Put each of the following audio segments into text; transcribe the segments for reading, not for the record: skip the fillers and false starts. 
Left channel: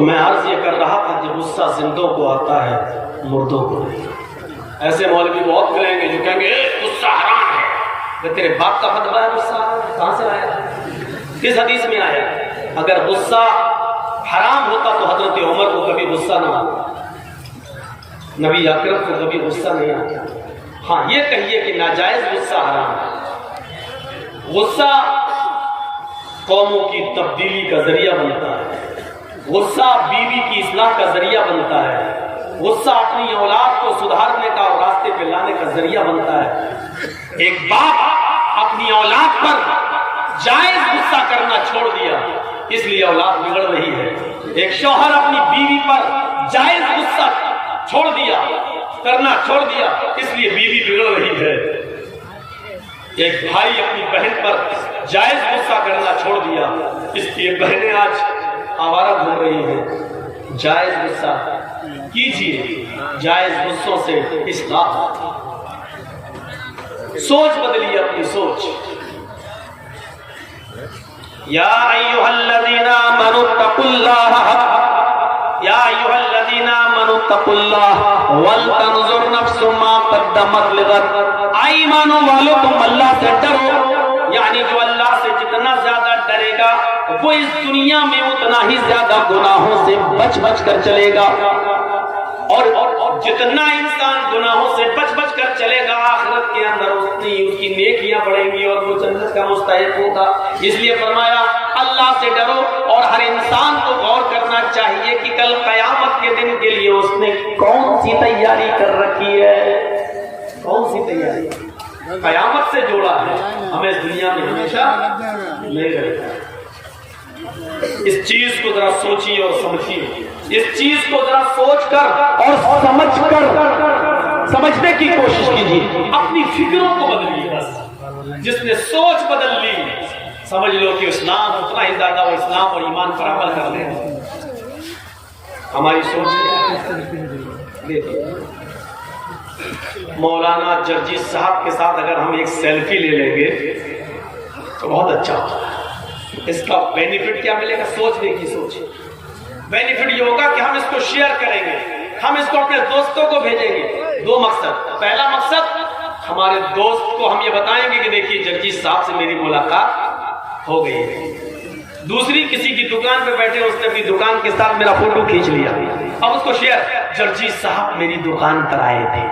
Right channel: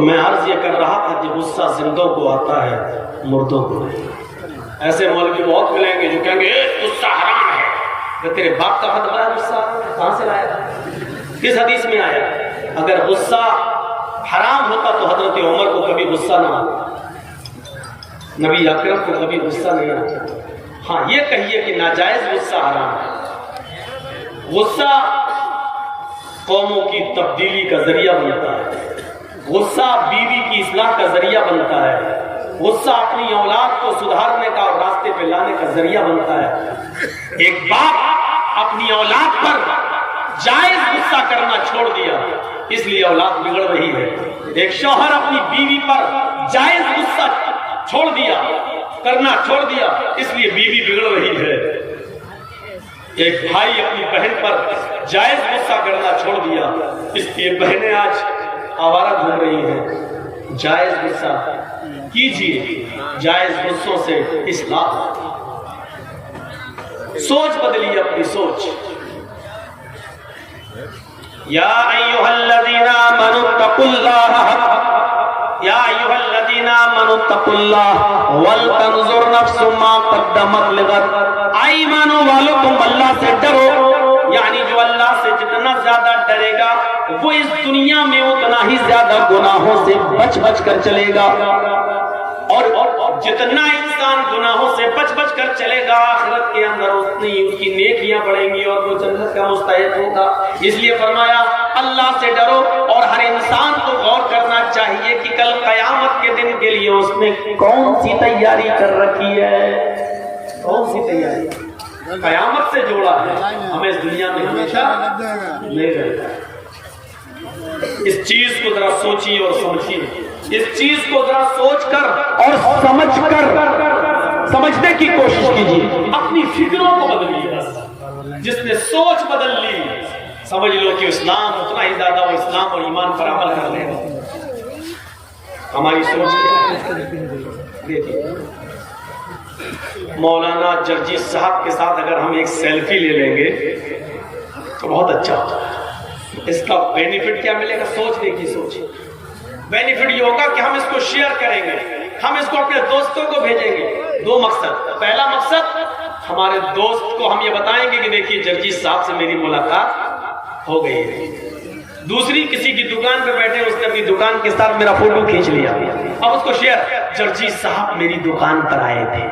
تو میں عرض یہ کر رہا تھا کہ غصہ زندوں کو آتا ہے مردوں کو نہیں۔ ایسے مولوی بہت ملیں گے جو کہیں گے غصہ حرام ہے، کہ تیرے باپ کا فتویٰ ہے غصہ کہاں سے آیا، کس حدیث میں آیا؟ اگر غصہ حرام ہوتا تو حضرت عمر کو کبھی غصہ نہ آتا، نبی اکرم کو کبھی غصہ نہیں آتا۔ ہاں یہ کہیے کہ ناجائز غصہ حرام ہے۔ غصہ قوموں کی تبدیلی کا ذریعہ بنتا ہے، غصہ بیوی کی اصلاح کا ذریعہ بنتا ہے، غصہ اپنی اولاد کو سدھارنے کا اور راستے پہ لانے کا ذریعہ بنتا ہے۔ ایک باپ اپنی اولاد پر جائز غصہ کرنا چھوڑ دیا اس لیے اولاد بگڑ رہی ہے، ایک شوہر اپنی بیوی پر جائز غصہ کرنا چھوڑ دیا اس لیے بیوی بگڑ رہی ہے، ایک بھائی اپنی بہن پر جائز غصہ کرنا چھوڑ دیا اس لیے بہنیں آج آوارہ گھوم رہی ہیں۔ جائز غصہ کیجیے، جائز غصوں سے اصلاح، سوچ بدلیے اپنی سوچ۔ یا ایھا الذین آمنوا اتقوا اللہ، یا ایھا الذین آمنوا اتقوا اللہ ولتنظر نفس ما قدمت لغد۔ ایمانوں والو تم اللہ سے ڈرو، یعنی جو اللہ سے جتنا زیادہ ڈرے گا وہ اس دنیا میں اتنا ہی زیادہ گناہوں سے بچ بچ کر چلے گا، اور جتنا انسان گناہوں سے بچ بچ کر چلے گا آخرت کے اندر اتنی اس کی نیکیاں بڑھیں گی اور وہ جنت کا مستحق ہوگا۔ اس لیے فرمایا اللہ سے ڈرو، اور ہر انسان کو غور کرنا چاہیے کہ کل قیامت کے دن کے لیے اس نے کون سی تیاری کر رکھی ہے، کون سی تیاری قیامت سے جوڑا ہے، ہمیں اس دنیا میں ہمیشہ نہیں رہے گا۔ اس چیز کو ذرا سوچیے اور سمجھیے، اس چیز کو ذرا سوچ کر اور سمجھ کر سمجھنے کی کوشش کیجیے، اپنی فکروں کو بدلیے۔ بس جس نے سوچ بدل لی سمجھ لو کہ اسلام اتنا ہی زیادہ وہ اسلام اور ایمان پر عمل کر لے۔ ہماری سوچ دیکھیے، مولانا جرجی صاحب کے ساتھ اگر ہم ایک سیلفی لے لیں گے تو بہت اچھا ہوگا۔ اس کا بینیفٹ کیا ملے گا؟ سوچ دیکھیے، سوچ بینیفٹ یہ ہوگا کہ ہم اس کو شیئر کریں گے، ہم اس کو اپنے دوستوں کو بھیجیں گے۔ دو مقصد، پہلا مقصد ہمارے دوست کو ہم یہ بتائیں گے کہ دیکھیے جرجی صاحب سے میری ملاقات ہو گئی ہے۔ دوسری، کسی کی دکان پہ بیٹھے اس نے اپنی دکان کے ساتھ میرا فوٹو کھینچ لیا، اب اس کو شیئر، جرجی صاحب میری دکان پر آئے تھے۔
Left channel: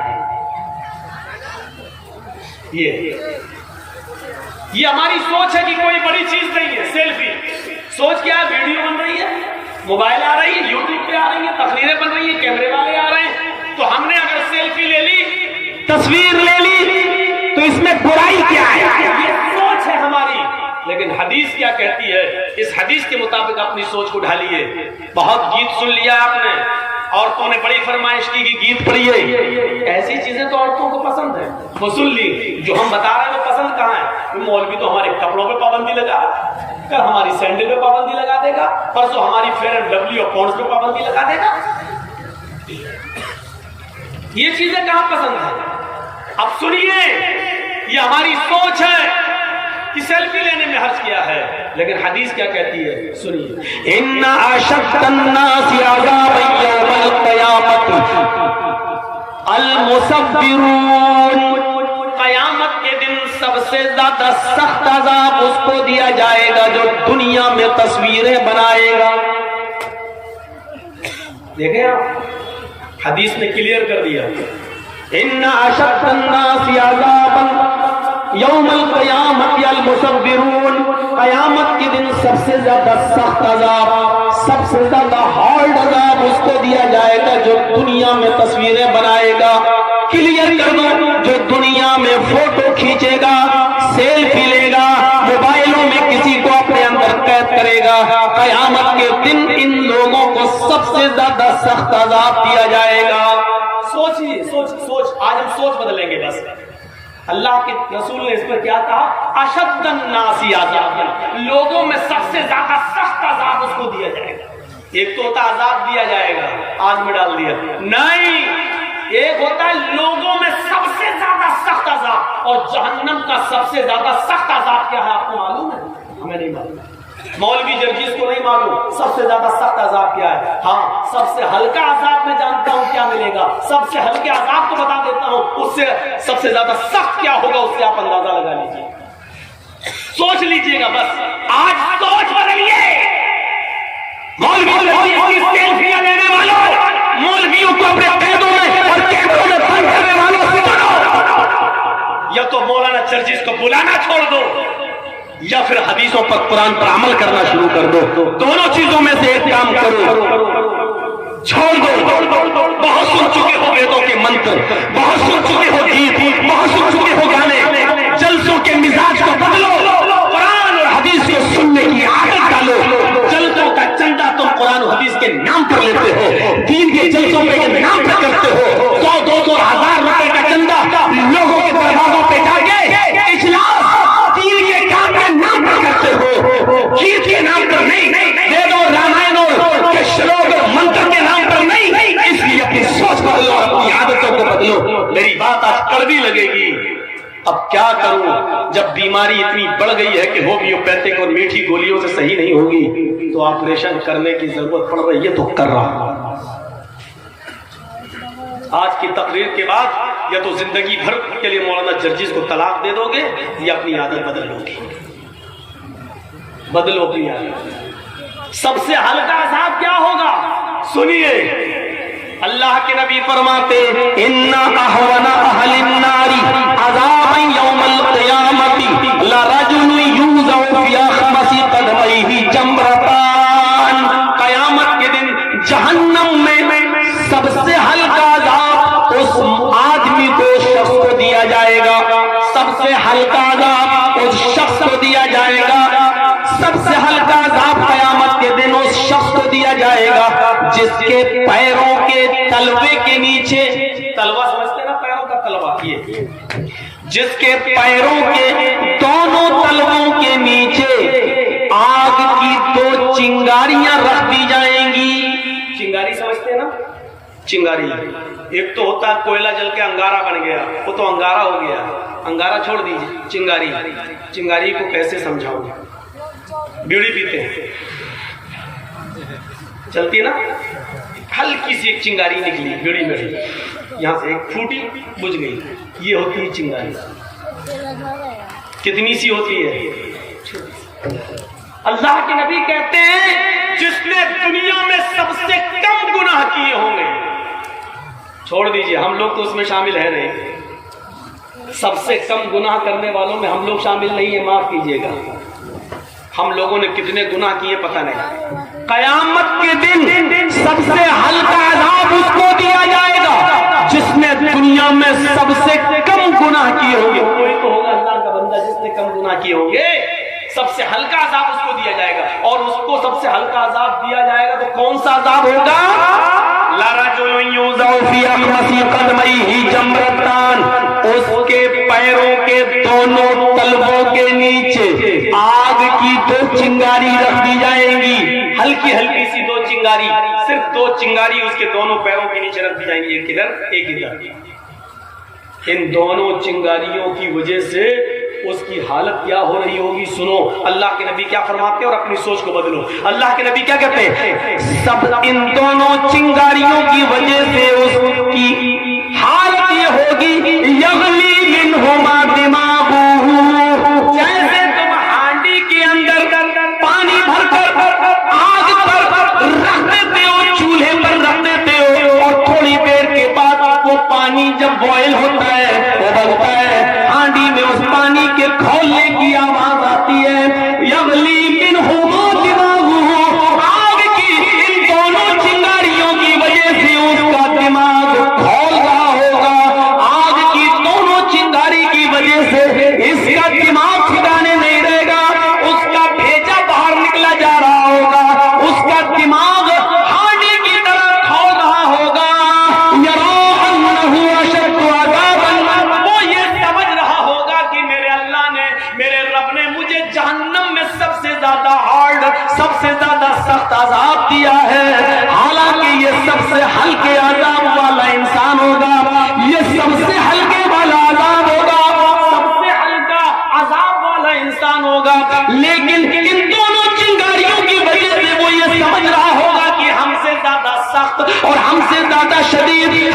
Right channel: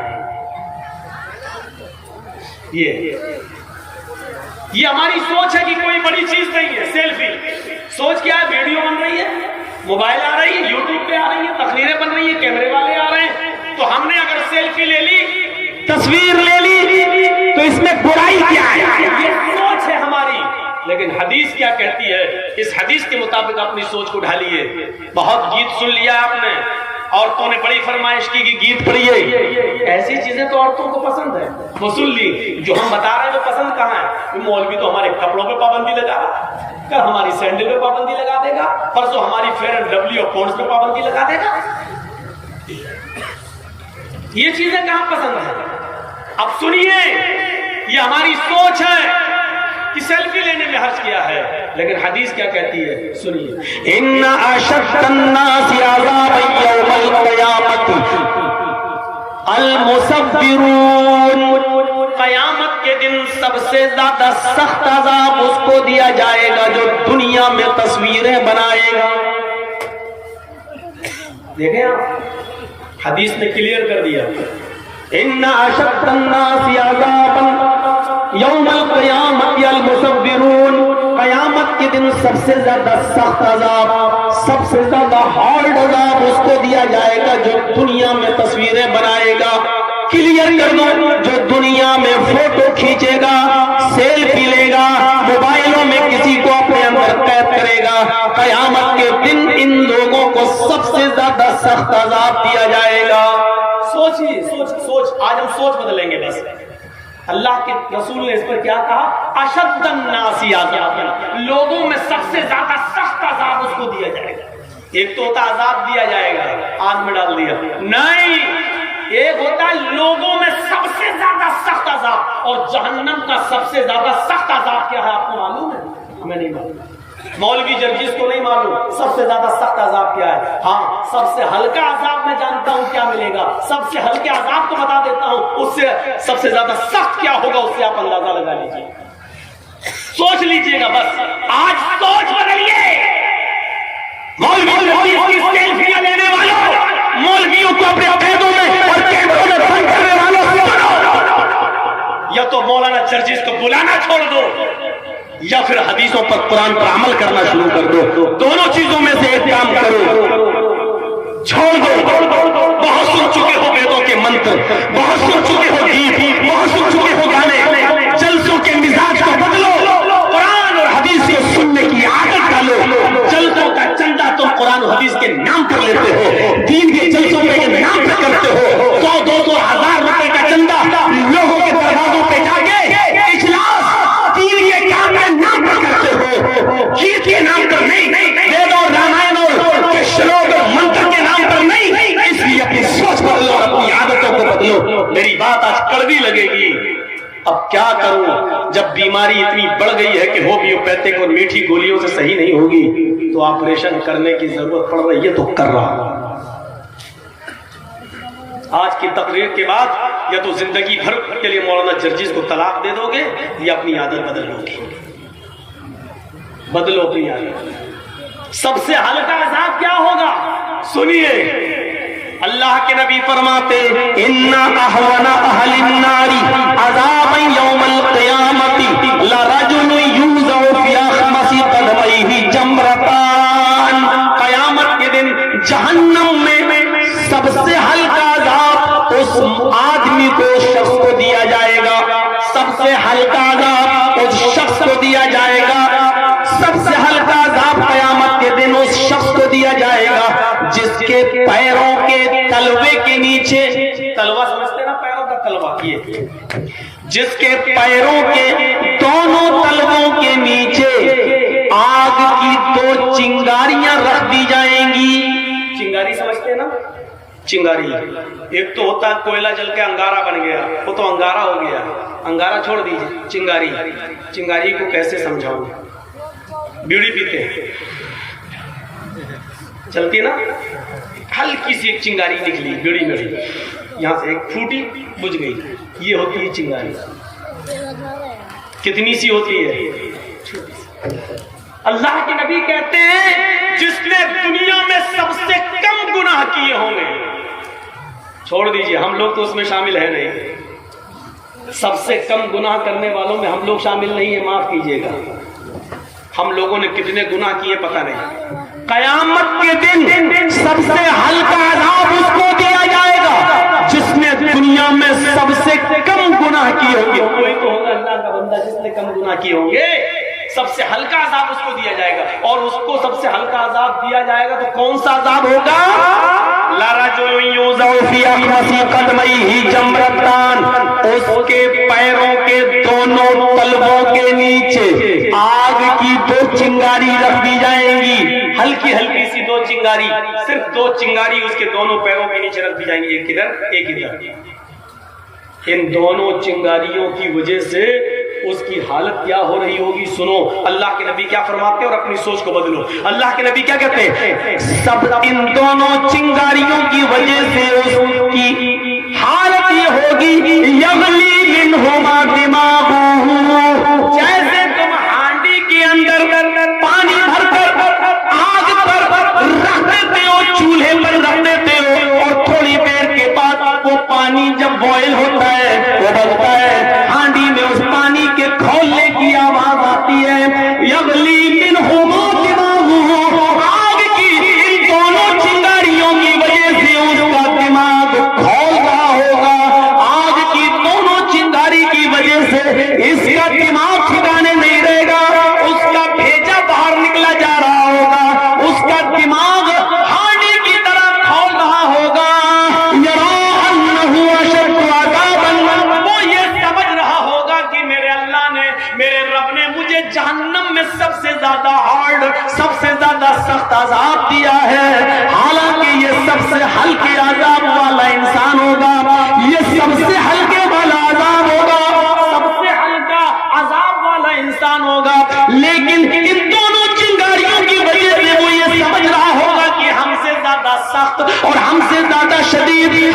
یہ ہماری سوچ ہے کہ کوئی بڑی چیز نہیں ہے سیلفی۔ سوچ کیا ہے؟ ویڈیو بن رہی ہے، موبائل آ رہی ہے، یوٹیوب پہ آ رہی ہے، تقریریں بن رہی ہیں، کیمرے والے آ رہے ہیں، تو ہم نے اگر سیلفی لے لی، تصویر لے لی تو اس میں برائی کیا ہے؟ یہ سوچ ہے ہماری۔ لیکن حدیث کیا کہتی ہے؟ اس حدیث کے مطابق اپنی سوچ کو ڈھالیے۔ بہت گیت سن لیا آپ نے، عورتوں نے بڑی فرمائش کی کہ گیت پڑھیے، ایسی چیزیں تو عورتوں کو پسند ہے، وہ سن لی۔ جو ہم بتا رہے ہیں وہ پسند کہاں ہے؟ مولوی تو ہمارے کپڑوں پہ پابندی لگا رہا ہے، کل ہماری سینڈل پہ پابندی لگا دے گا، پرسوں ہماری فیئر اینڈ لولی اور پونڈز پہ پابندی لگا دے گا۔ یہ چیزیں کہاں پسند ہیں؟ اب سنیے، یہ ہماری سوچ ہے کہ سیلفی لینے میں حرج کیا ہے، لیکن حدیث کیا کہتی ہے؟ سنیے، ان اشد الناس عذابا یوم القیامت المصورون، قیامت کے دن سب سے زیادہ سخت عذاب اس کو دیا جائے گا جو دنیا میں تصویریں بنائے گا۔ دیکھیں آپ، حدیث نے کلیئر کر دیا، ان اشد الناس عذابا یوم القیامت المصورون، قیامت کے دن سب سے زیادہ سخت عذاب، سب سے زیادہ ہارڈ عذاب اس کو دیا جائے گا جو دنیا میں تصویریں بنائے گا۔ کلیئر کر دو، جو دنیا میں فوٹو کھینچے گا، سیلفی لے گا، موبائلوں میں کسی کو اپنے اندر قید کرے گا، قیامت کے دن ان لوگوں کو سب سے زیادہ سخت عذاب دیا جائے گا۔ سوچیے، سوچ آج ہم سوچ بدلیں گے۔ بس اللہ کے رسول نے اس پر کیا کہا؟ اشد الناس عذابا، لوگوں میں سب سے زیادہ سخت عذاب اس کو دیا جائے گا۔ ایک تو ہوتا عذاب دیا جائے گا، آگ میں ڈال دیا، نہیں، ایک ہوتا ہے لوگوں میں سب سے زیادہ سخت عذاب، اور جہنم کا سب سے زیادہ سخت عذاب کیا ہے آپ کو معلوم ہے؟ ہمیں نہیں معلوم۔ مولوی جرجیس کو نہیں معلوم سب سے زیادہ سخت عذاب کیا ہے. ہاں سب سے ہلکا عذاب میں جانتا ہوں کیا ملے گا. سب سے ہلکے عذاب کو بتا دیتا ہوں, اس سے سب سے زیادہ سخت کیا ہوگا اس سے آپ اندازہ لگا لیجیے, سوچ لیجیے گا. بس آج سوچ بدلیے. مولویوں لینے والوں, مولویوں کو اپنے قیدوں میں اور قیدوں میں بند کرنے والوں سنو, یا تو مولانا جرجیس کو بلانا چھوڑ دو یا پھر حدیثوں پر قرآن پر عمل کرنا شروع کر دو. دونوں چیزوں میں سے ایک کام کرو, چھوڑ دو. بہت سن چکے ہو ویدوں کے منتر, بہت سن چکے ہو گیت, بہت سن چکے ہو گانے. جلسوں کے مزاج کو بدلو, قرآن اور حدیث کو سننے کی عادت ڈالو. جلسوں کا چندہ تم قرآن و حدیث کے نام پر لیتے ہو, دین کے جلسوں کے نام پر کرتے ہو. 100-200,000 روپے کا چندہ لوگوں کے دروازوں پہ جا کے اجلاس دین کے کام کے نام پر کرتے ہو, گیت کے نام پر نہیں, ویدوں رامائنوں کے شلوک منتر کے نام پر نہیں. اس لیے اپنی سوچ بدلو, اپنی عادتوں کو بدلو. میری بات آج کڑوی لگے گی, اب کیا کروں جب بیماری اتنی بڑھ گئی ہے کہ ہومیوپیتھک اور میٹھی گولیوں سے صحیح نہیں ہوگی تو آپریشن کرنے کی ضرورت پڑ رہی ہے تو کر رہا ہوں. آج کی تقریر کے بعد یا تو زندگی بھر کے لیے مولانا جرجیس کو طلاق دے دو گے یا اپنی عادت بدل لو گے. بدلو اپنی عادت. سب سے ہلکا عذاب کیا ہوگا سنیے. اللہ کے نبی فرماتے ہیں ان احون اہل النار عذابا یوم القیامت لرجل یوضع فی خمس قدمیہ جمرتان. قیامت کے دن جہنم میں سب سے ہلکا عذاب اس آدمی کو, شخص کو دیا جائے گا. سب سے ہلکا عذاب اس شخص کو دیا جائے گا. سب سے ہلکا عذاب قیامت کے دن اس شخص کو دیا جائے گا جس کے پیروں کے تلوے کے نیچے, تلوا سمجھتے نا پیروں کا تلوا, یہ جس کے پیروں کے دونوں تلووں کے نیچے آگ کی 2 چنگاریاں رکھ دی جائیں گی. چنگاری سمجھتے نا, چنگاری ایک تو ہوتا ہے کوئلہ جل کے انگارہ بن گیا, وہ تو انگارہ ہو گیا, انگارہ چھوڑ دیجیے. چنگاری, چنگاری کو کیسے سمجھاؤں. بیڑی پیتے ہیں, چلتی نا, ہلکی سی ایک چنگاری نکلی بیڑی میں, یہاں سے ایک پھوٹی بجھ گئی, یہ ہوتی ہے چنگاری. کتنی سی ہوتی ہے. اللہ کے نبی کہتے ہیں جس نے دنیا میں سب سے کم گناہ کیے ہوں گے, چھوڑ دیجئے ہم لوگ تو اس میں شامل ہیں نہیں, سب سے کم گناہ کرنے والوں میں ہم لوگ شامل نہیں ہیں, معاف کیجئے گا. ہم لوگوں نے کتنے گناہ کیے پتہ نہیں. قیامت کے دن سب سے ہلکا عذاب اس کو دیا جائے گا جس نے دنیا میں سب سے کم گناہ کیے ہوں گے. کوئی تو ہوگا اللہ کا بندہ جس نے کم گناہ کیے ہوں گے, سب سے ہلکا عذاب اس کو دیا جائے گا. اور اس کو سب سے ہلکا عذاب دیا جائے گا تو کون سا عذاب ہوگا؟ لرجل یوضع فی خمس قدمیہ جمرتان. اس کے پیروں کے دونوں تلووں کے نیچے آگ کی 2 چنگاری رکھ دی جائیں گی. ہلکی ہلکی سی 2 چنگاری, صرف 2 چنگاری اس کے دونوں پیروں کے نیچے رکھ دی جائیں گی, ایک ادھر ایک ادھر. ان دونوں چنگاریوں کی وجہ سے اس کی حالت کیا ہو رہی ہوگی سنو. اللہ کے نبی کیا فرماتے ہیں اور اپنی سوچ کو بدلو. اللہ کے نبی کیا کہتے ہیں, سب ان دونوں چنگاریوں کی وجہ سے اس کی حالت یہ ہوگی یغلی منہما دماغہ, جیسے تم ہانڈی کے اندر پانی بھر کر آگ پر رکھ دیتے ہو, چولہے پر رکھ دیتے ہو, اور تھوڑی دیر کے بعد وہ پانی جب بوائل ہوتا ہے, ابلتا ہے, ہانڈی میں اس پانی کے کھولنے کی آواز آتی ہے. یغلی منہما دماغہ, آگ کی ان دونوں چنگاریوں کی وجہ سے اس کا دماغ کھول رہا ہوگا. آگ کی دونوں چنگاری کی وجہ سے اس کا دماغ ٹھکانے نہیں رہے گا, اس کا بھیجا باہر نکلا جا رہا ہوگا, اس کا دماغ ہانڈی کی طرح کھول رہا ہوگا. جہنم میں سب سے زیادہ ہارڈ, سب سے زیادہ سخت عذاب دیا ہے, حالانکہ یہ سب سے ہلکے عذاب والا انسان ہوگا, یہ سب سے ہلکے والا عذاب ہوگا, سب سے ہلکا عذاب والا انسان ہوگا. لیکن ان دونوں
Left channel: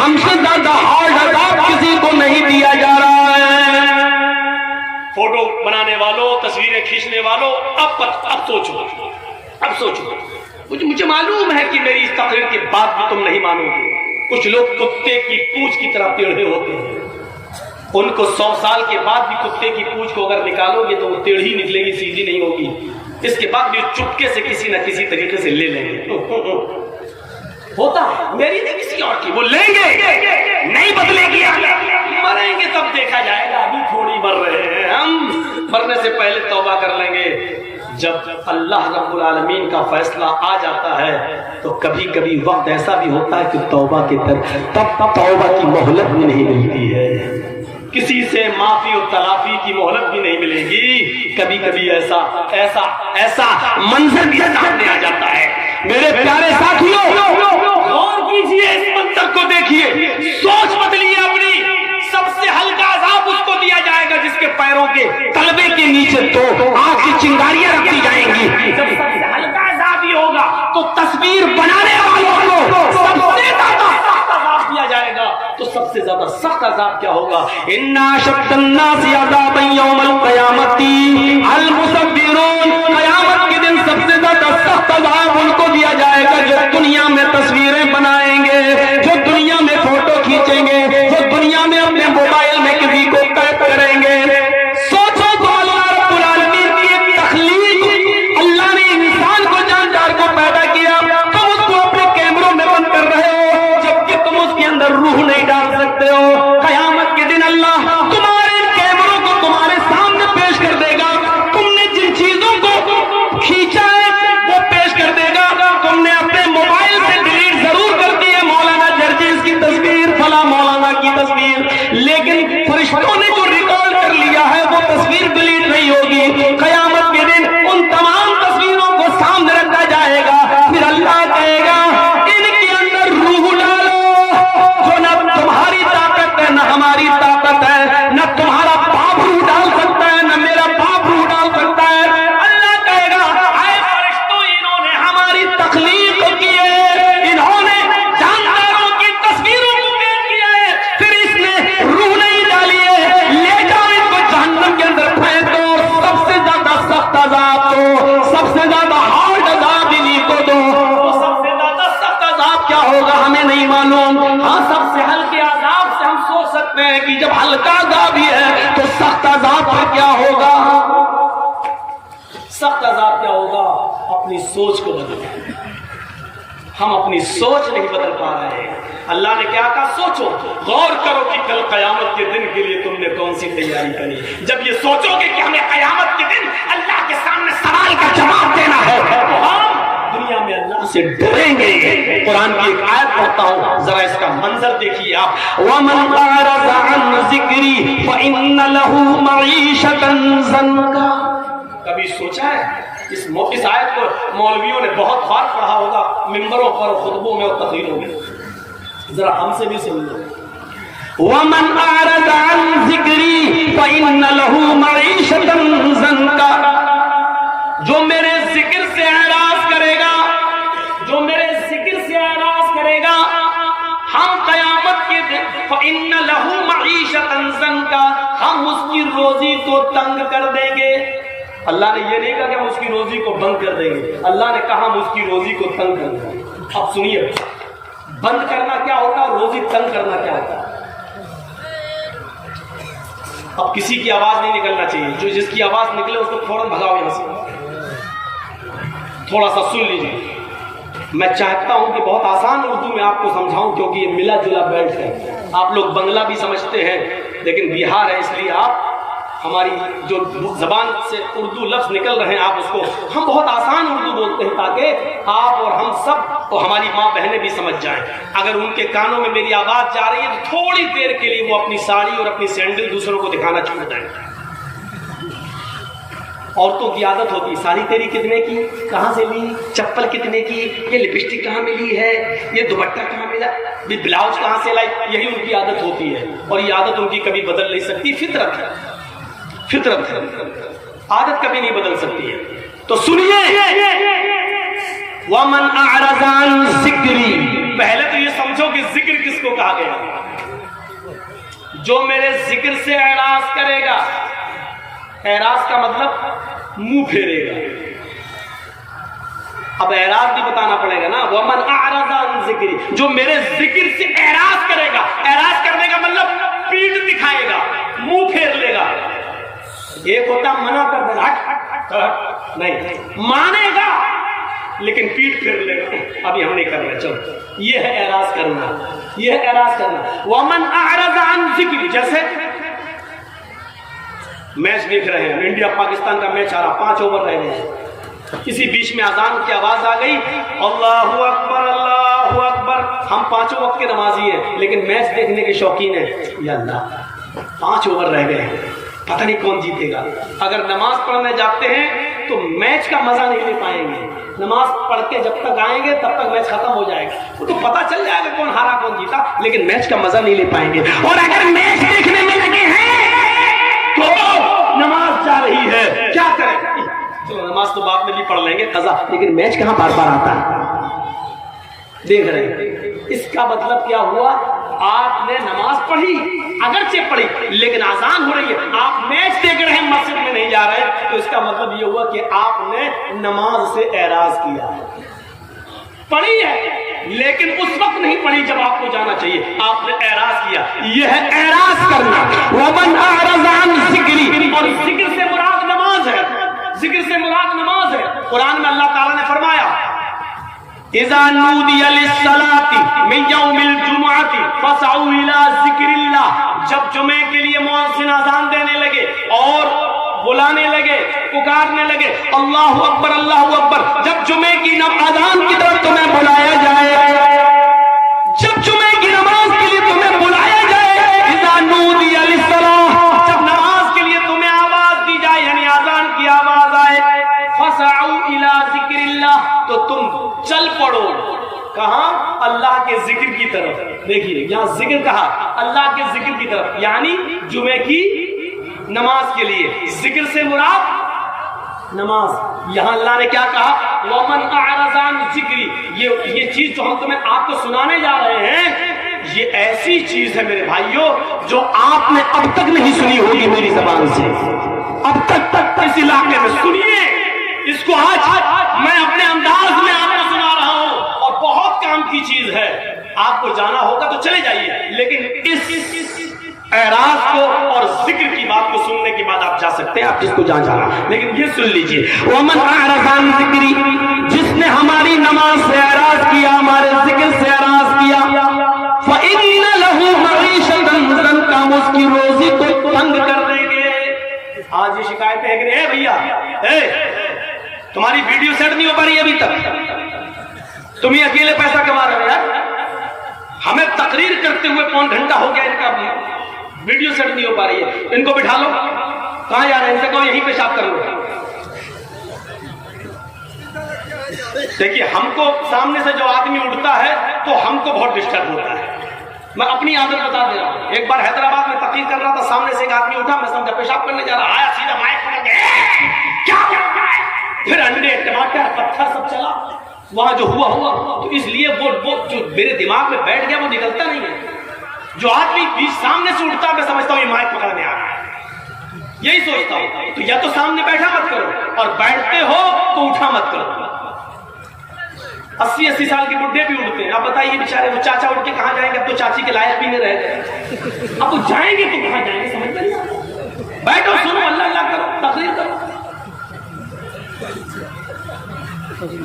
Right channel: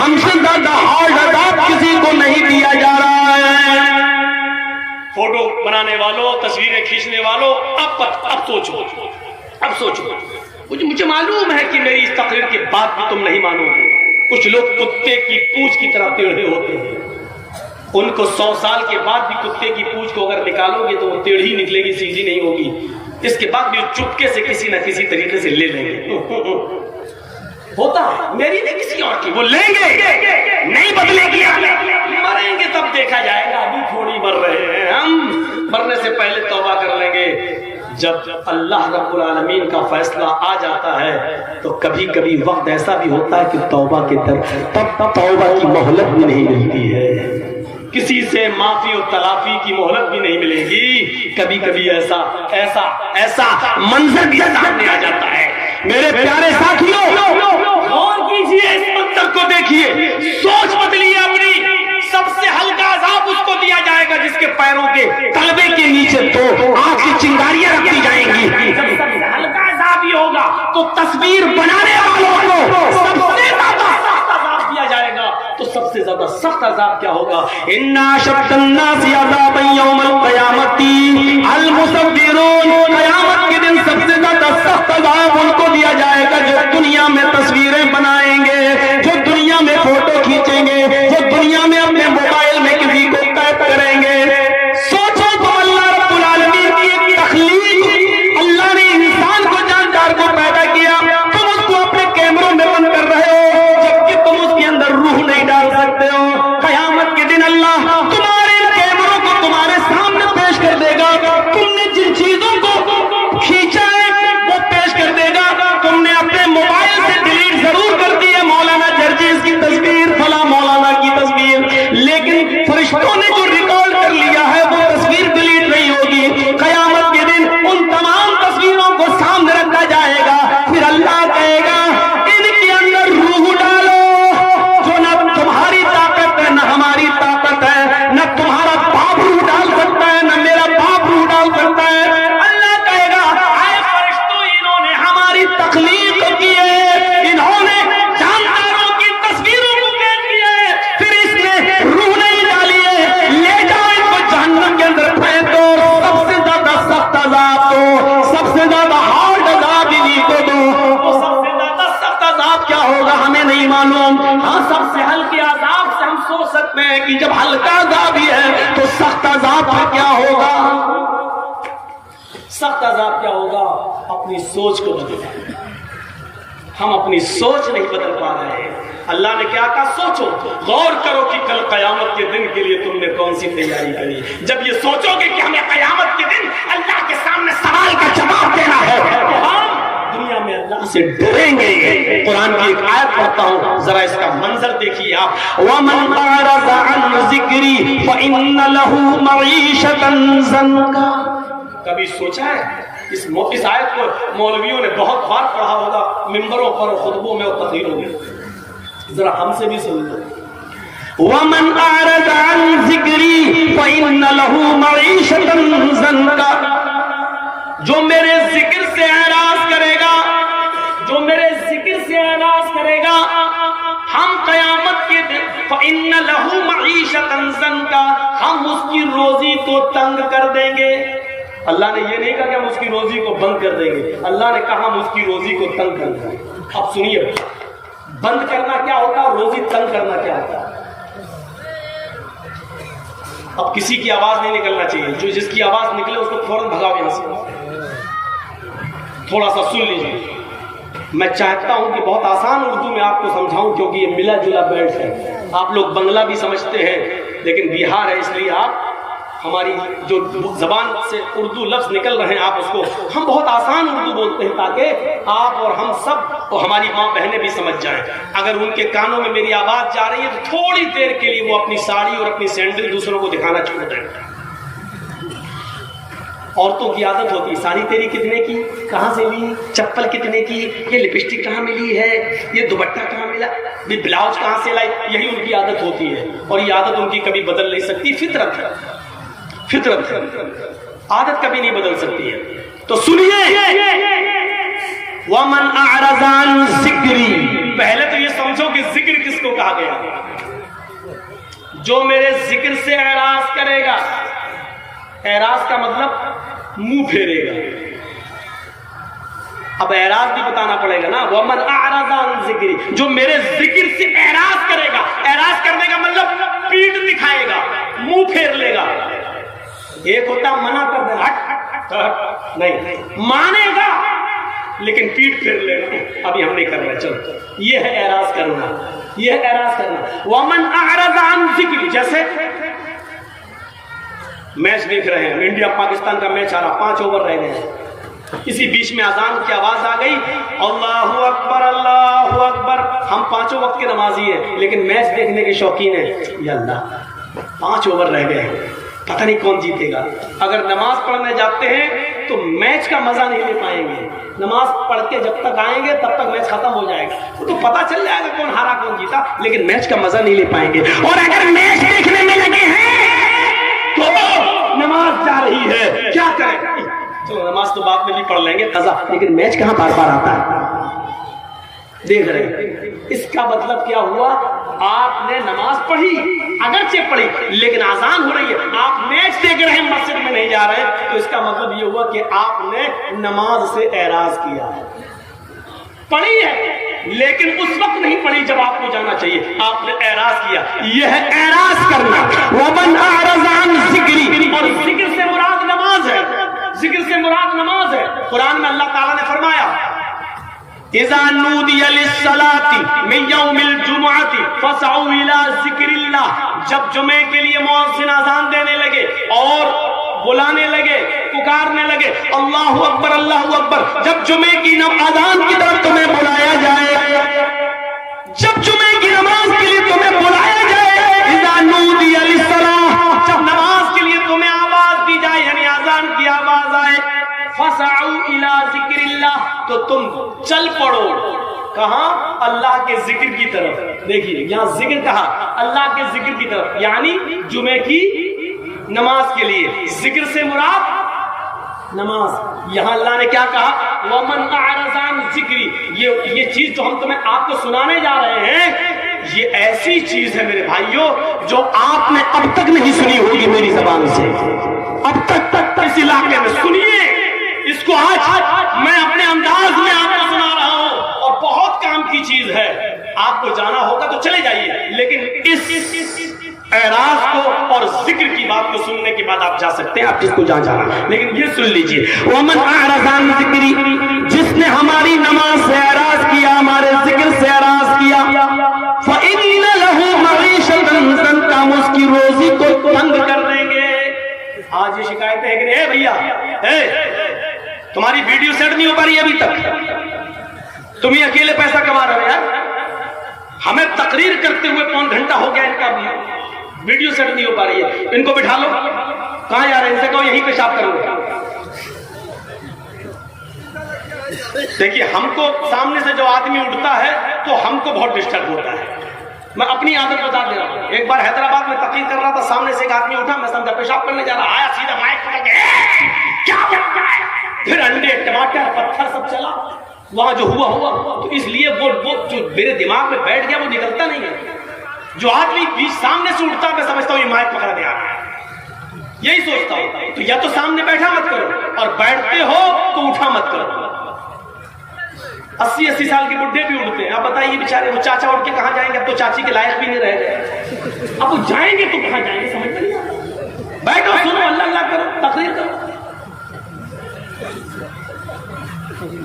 ہم سے زیادہ ہارڈ عذاب کسی کو نہیں دیا جا رہا ہے۔ فوٹو بنانے والوں، تصویریں کھینچنے والوں، اب سوچو، مجھے معلوم ہے کہ میری اس تقریر کے بعد بھی تم نہیں مانو گے۔ کچھ لوگ کتے کی پونچھ کی طرح ٹیڑھے ہوتے ہیں، ان کو 100 سال کے بعد بھی کتے کی پونچھ کو اگر نکالو گے تو وہ ٹیڑھی نکلے گی، سیدھی نہیں ہوگی۔ اس کے بعد بھی چپکے سے کسی نہ کسی طریقے سے لے لیں گے۔ ہوتا ہے، میری نہیں کسی اور کی، وہ لیں گے، نہیں بدلے گی، مریں گے تب دیکھا جائے گا، ابھی تھوڑی مر رہے ہیں ہم، مرنے سے پہلے توبہ کر لیں گے۔ جب اللہ رب العالمین کا فیصلہ آ جاتا ہے تو کبھی کبھی وقت ایسا بھی ہوتا ہے کہ توبہ کے تب توبہ کی مہلت بھی نہیں ملتی ہے، کسی سے معافی اور تلافی کی مہلت بھی نہیں ملے گی۔ کبھی کبھی ایسا منظر بھی سامنے آ جاتا ہے۔ میرے پیارے ساتھیوں، غور کیجئے، اس منظر کو دیکھیے، سوچ بدلیے اپنی۔ سب سے ہلکا عذاب اس کو دیا جائے گا جس کے پیروں کے تلوے کے نیچے دو آگ کی چنگاریاں رکھی جائیں گی۔ سب سے ہلکا عذاب یہ ہوگا تو تصویر بنانے والوں کو سب سے زیادہ سخت عذاب دیا جائے گا۔ تو سب سے زیادہ سخت عذاب کیا ہوگا؟ اِنَّا أَشَدَّ النَّاسِ عَذَابًا يَوْمَ الْقِيَامَةِ الْمُصَوِّرُونَ۔ قیامت کے دن سب سے زیادہ سخت عذاب ان کو دیا جائے گا جو دنیا میں تصویریں بنائیں گے، جو دنیا میں فوٹو کھینچیں گے، جو دنیا میں اپنے موبائل میں کسی کو ٹائپ کریں گے۔ سوچو تو اللہ رب العالمین کی ایک تخلیق، اللہ نے انسان کو جاندار کو پیدا کیا، تم اس کو اپنے کیمروں میں بند کر رہے ہو جبکہ تم اس کے اندر روح نہیں ڈال سکتے ہو۔ قیامت کے دن اللہ تمہارے ان کیمروں کو تمہارے سامنے پیش کر دے گا، تم نے جن چیزوں کو کھینچا ہے وہ پیش کر دے گا۔ تم نے اپنے موبائل سے ڈیلیٹ ضرور کر دی ہے مولانا جرجیز کی تصویر، فلاں مولانا کی تصویر، لیکن فرشتوں نے جو ریکارڈ کر لیا ہے وہ تصویر ڈیلیٹ نہیں ہوگی۔ قیامت کے دن ان تمام تصویروں کو سامنے رکھا جائے گا، پھر اللہ کہے گا ان کے اندر روح ڈالو، جو نہ تمہاری طاقت ہے نہ ہماری طاقت ہے، نہ تمہارا باپ روح ڈال سکتا ہے نہ میرا باپ روح ڈال سکتا ہے۔ اللہ کہے گا اے فرشتوں، انہوں نے ہماری تخلیق کی ہے، انہوں نے جانداروں کی تصویروں کو دیکھ لیا ہے، پھر اس نے روح نہیں ڈالی ہے، لے جاؤ ان کو جہنم کے اندر پھینک دو۔ سب سے زیادہ سخت عذاب دو، سب سے زیادہ ہارڈ عذاب انہیں کو دو۔ تو سب سے زیادہ سخت عذاب کیا ہوگا ہمیں نہیں معلوم، ہاں سب سے ہلکے عذاب سے ہم سوچ سکتے ہیں کہ جب ہلکا عذاب ہی ہے تو سخت عذاب کا کیا ہوگا؟ سخت عذاب کیا ہوگا؟ اپنی سوچ کو بدلو۔ ہم اپنی سوچ نہیں بدل پا رہے ہیں۔ اللہ نے کیا کہا؟ سوچو، غور کرو کہ کل قیامت کے دن کے لیے تم نے کون سی تیاری کری۔ جب یہ سوچو گے کہ ہمیں قیامت کے دن اللہ کے سامنے سوال کا جواب دینا ہے تو ہم دنیا میں اللہ سے ڈریں گے۔ قرآن کی ایک آیت پڑھتا ہوں، ذرا اس کا منظر دیکھیے آپ۔ وَمَنْ أَعْرَضَ عَنْ ذِكْرِي فَإِنَّ لَهُ مَعِيشَةً ضَنْكًا۔ کبھی سوچا ہے اس آیت کو مولویوں نے بہت بار پڑھا ہوگا، ممبروں پر، خطبوں میں اور تقریروں میں، ذرا ہم سے بھی سن لو۔ وَمَنْ أَعْرَضَ عَنْ ذِكْرِي فَإِنَّ لَهُ مَعِيشَةً ضَنْكًا۔ جو میرے ذکر سے اعراض کرے گا، جو میرے ذکر سے اعراض کرے گا، ہم قیامت کے دن فَإِنَّ لَهُ مَعِيشَةً ضَنْكًا، ہم اس کی روزی کو تنگ کر دیں گے۔ اللہ نے یہ نہیں کہا کہ ہم اس کی روزی کو بند کر دیں گے، اللہ نے کہا ہم اس کی روزی کو تنگ کر دیں گے۔ اب سنیے، بند کرنا کیا ہوتا ہے، روزی تنگ کرنا کیا ہوتا ہے۔ اب کسی کی آواز نہیں نکلنا چاہیے، جو جس کی آواز نکلے اس کو فوراً بھگاؤ یہاں سے۔ تھوڑا سا سن لیجیے، میں چاہتا ہوں کہ بہت آسان اردو میں آپ کو سمجھاؤں کیونکہ یہ ملا جلا بیلٹ ہے۔ آپ لوگ بنگلہ بھی سمجھتے ہیں لیکن بہار ہے، اس لیے آپ ہماری جو زبان سے اردو لفظ نکل رہے ہیں آپ اس کو ہم بہت آسان اردو بولتے ہیں تاکہ آپ اور ہم سب اور ہماری ماں بہنیں بھی سمجھ جائیں۔ اگر ان کے کانوں میں میری آواز جا رہی ہے تو تھوڑی دیر کے لیے وہ اپنی ساڑی اور اپنی سینڈل دوسروں کو دکھانا چھوڑ دیں۔ عورتوں کی عادت ہوتی ہے، ساڑی تیری کتنے کی، کہاں سے لی، چپل کتنے کی، یہ لپسٹک کہاں ملی ہے، یہ دوپٹہ کہاں ملا، یہ بلاؤز کہاں سے لائی، یہی ان کی عادت ہوتی ہے اور یہ عادت ان کی کبھی بدل نہیں سکتی، فطرت ہے، فطرت عادت کبھی نہیں بدل سکتی ہے۔ تو سنیے، وَمَنْ أَعْرَضَ عَنْ ذِكْرِي، پہلے تو یہ سمجھو کہ ذکر کس کو کہا گیا؟ جو میرے ذکر سے اعراض کرے گا. اعراض کا مطلب منہ پھیرے گا. اب اعراض بھی بتانا پڑے گا نا. وَمَنْ أَعْرَضَ عَنْ ذِكْرِي، جو میرے ذکر سے اعراض کرے گا. اعراض کرنے کا مطلب پیٹھ دکھائے گا، منہ پھیر لے گا. ایک ہوتا منع کر دے ہٹ نہیں، مانے گا لیکن پیٹ پھیر لے گا، ابھی ہم نہیں کر رہے چل. یہ ہے اعراض کرنا، یہ ہے اعراض کرنا. وَمَنْ أَعْرَضَ عَنْ ذِكْرِي، جیسے میچ دیکھ رہے ہیں، انڈیا پاکستان کا میچ آ رہا، 5 اوور رہ گئے ہیں. اسی بیچ میں اذان کی آواز آ گئی، اللہ اکبر اللہ اکبر. ہم 5 وقت کے نمازی ہیں لیکن میچ دیکھنے کے شوقین ہیں. یا اللہ 5 اوور رہ گئے ہیں، پتہ نہیں کون جیتے گا. اگر نماز پڑھنے جاتے ہیں تو میچ کا مزہ نہیں لے پائیں گے. نماز پڑھ کے جب تک آئیں گے تب تک میچ ختم ہو جائے گا. وہ تو پتہ چل جائے گا کون ہارا کون جیتا، لیکن میچ کا مزہ نہیں لے پائیں گے. اور اگر میچ دیکھنے میں لگے ہیں تو نماز جا رہی ہے، کیا کریں؟ چلو نماز تو بعد میں بھی پڑھ لیں گے قضا، لیکن میچ کہاں بار بار آتا ہے؟ دیکھ رہے ہیں. اس کا مطلب کیا ہوا؟ آپ نے نماز پڑھی، اگرچہ پڑھی، لیکن اذان ہو رہی ہے، آپ میچ دیکھ رہے ہیں، مسجد میں نہیں جا رہے، تو اس کا مطلب یہ ہوا کہ آپ نے نماز سے اعراض کیا. پڑھی ہے لیکن اس وقت نہیں پڑھی جب آپ کو جانا چاہیے، آپ نے اعراض کیا. یہ ہے اعراض کرنا. وَمَنْ أَعْرَضَ عَنْ ذِكْرِي، اور ذکر سے مراد نماز ہے. ذکر سے مراد نماز ہے. قرآن میں اللہ تعالیٰ نے فرمایا اِذَا نُودِيَ لِلصَّلَاةِ مِنْ يَوْمِ الْجُمُعَةِ فَاسْعَوْا إِلَىٰ ذِكْرِ اللَّهِ، جب جمعے کے لیے مؤذن اذان دینے لگے اور بلانے لگے، پکارنے لگے اللہ اکبر اللہ اکبر، جب جمعے کی اذان کی طرف تمہیں بلایا جائے، جب جمعے کی نماز کے لیے تمہیں بلایا جائے، اِذَا نُودِيَ لِلصَّلَاةِ، جب نماز کے لیے تمہیں آواز دی جائے، یعنی اذان کی آواز آئے، فَاسْعَوْا إِلَىٰ ذِكْرِ اللَّهِ، تو تم چل پڑو. کہاں؟ اللہ کے ذکر کی طرف. دیکھیے یہاں ذکر کہا، اللہ کے ذکر کی طرف، یعنی جمعے کی نماز کے لیے. ذکر سے مراد نماز. یہاں اللہ نے کیا کہا؟ وَمَنْ أَعْرَضَ عَنْ ذِكْرِي، یہ چیز جو ہم تمہیں آپ کو سنانے جا رہے ہیں، یہ ایسی چیز ہے میرے بھائیوں جو آپ نے اب تک نہیں سنی ہوگی میری زبان سے. اب تک اس علاقے میں سنیے اس کو. آج میں اپنے انداز میں آپ کو سنا رہا ہوں اور بہت کام کی چیز ہے. آپ کو جانا ہوگا تو چلے جائیے، لیکن اس اعراض کو اور ذکر کی بات کو سننے کے بعد آپ جا سکتے ہیں، آپ اس کو جانا، لیکن یہ سن لیجیے. وَمَنْ أَعْرَضَ عَنْ ذِكْرِي، جس نے ہماری نماز سے اعراض کیا، ہمارے ذکر سے اعراض کیا، فَإِنَّ لَهُ مَعِيشَةً ضَنْكًا، ہم اس کی روزی کو تنگ کر دیں گے. آج یہ شکایتیں ہیں کہ اے بھیا تمہاری ویڈیو سیٹ نہیں ہو پا رہی ابھی تک، تم ہی اکیلے پیسہ کما رہے ہو یار. ہمیں تقریر کرتے ہوئے 1 گھنٹہ ہو گیا، ان کا ویڈیو سیٹ نہیں ہو پا رہی ہے. ان کو بٹھا لو. کہاں جا رہے ہیں؟ ان سے کہو یہیں پیشاب کرو گے. دیکھیے ہم کو سامنے سے جو آدمی اٹھتا ہے تو ہم کو بہت ڈسٹرب ہوتا ہے. میں اپنی عادت بتا دے رہا ہوں. ایک بار حیدرآباد میں تقریر کر رہا تھا، سامنے سے ایک آدمی اٹھا، میں سمجھا پیشاب کرنے جا رہا، آیا سیدھا مائک پکڑ کے کیا کرتا ہے، پھر انڈے ٹماٹر پتھر سب چلا. وہاں جو ہوا تو اس لیے وہ جو میرے دماغ میں بیٹھ گیا وہ نکلتا نہیں ہے. جو آدمی سامنے سے اٹھتا ہے میں سمجھتا ہوں یہ مائک پکڑنے آ گیا، یہی سوچتا ہوں. تو یا تو سامنے بیٹھا مت کرو، اور بیٹھتے ہو تو اٹھا مت کرو. 80 سال کے بڈھے بھی اٹھتے ہیں. اب بتائیے بیچارے وہ چاچا اٹھ کے کہاں جائیں گے؟ اب تو چاچی کے لائق بھی نہیں رہ گئے. اب وہ جائیں گے تو کہاں جائیں گے؟ سمجھ نہیں. بیٹھو، سنو، اللہ اللہ کرو، تقریر کرو.